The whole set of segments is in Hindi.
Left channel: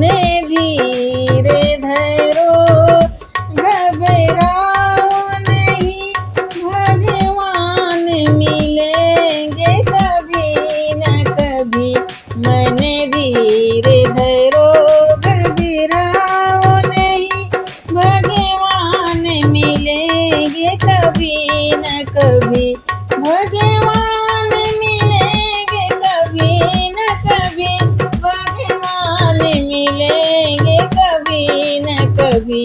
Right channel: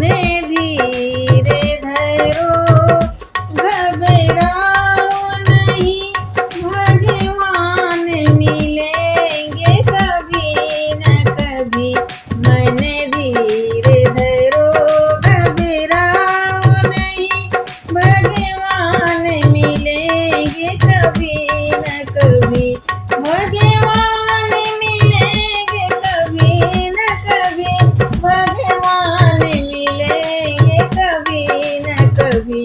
धीरे धरो, घबराओ नहीं, भगवान मिलेंगे कभी न कभी। मन धीरे धरो, घबराओ नहीं, भगवान मिलेंगे कभी न कभी। भगवान मिलेंगे कभी न कभी, भगवान मिलेंगे कभी न कभी।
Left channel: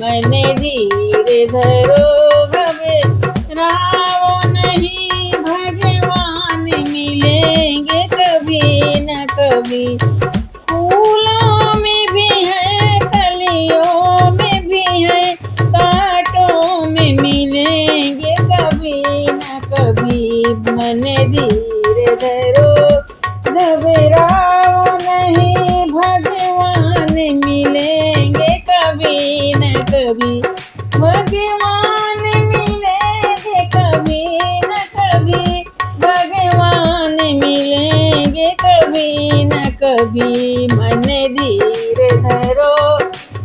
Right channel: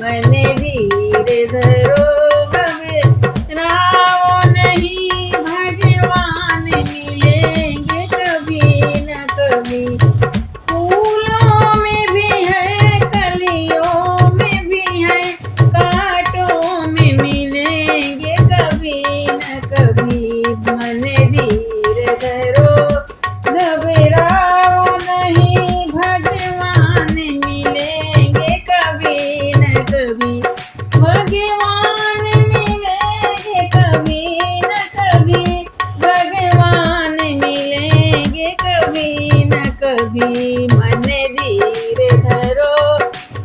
मन धीरे धरो, घबराओ नहीं, भगवान मिलेंगे कभी न कभी। फूलों में भी है, कलियों में भी है, कांटों में मिलेंगे कभी न कभी। मन धीरे धरो, घबराओ नहीं, भगवान मिलेंगे कभी न कभी। भगवान मिलेंगे कभी न कभी, भगवान मिलेंगे कभी न कभी। मन धीरे धरो,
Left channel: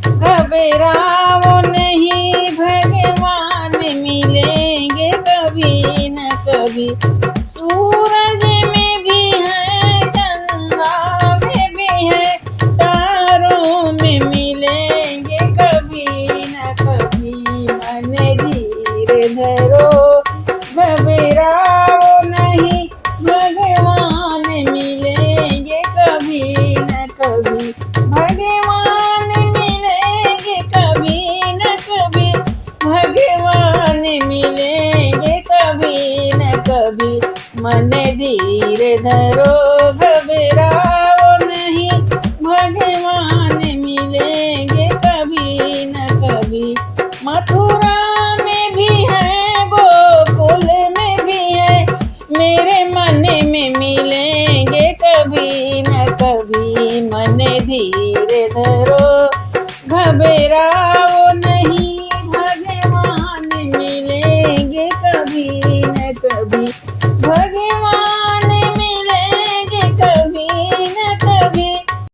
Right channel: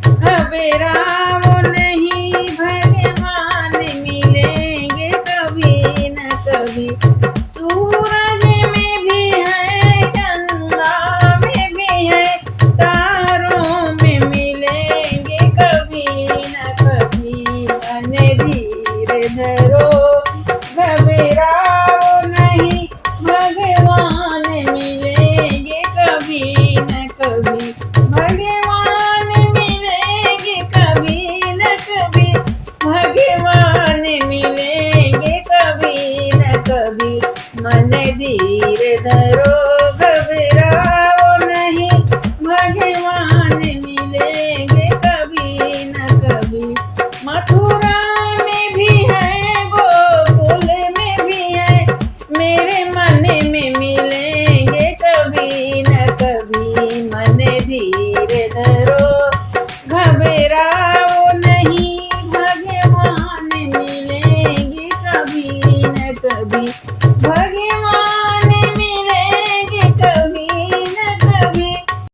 घबराओ नहीं, भगवान मिलेंगे कभी न कभी। सूरज में भी है, चंदा में भी है, तारों में मिलेंगे कभी न कभी। मन धीरे धरो, घबराओ नहीं, भगवान मिलेंगे कभी न कभी। भगवान मिलेंगे कभी न कभी, भगवान मिलेंगे कभी न कभी। मन धीरे धरो, घबराओ नहीं, भगवान मिलेंगे कभी न कभी। मथुरा में भी है, गोकुल में भी है, मेरे मन में मिलेंगे कभी न कभी। मन धीरे धरो,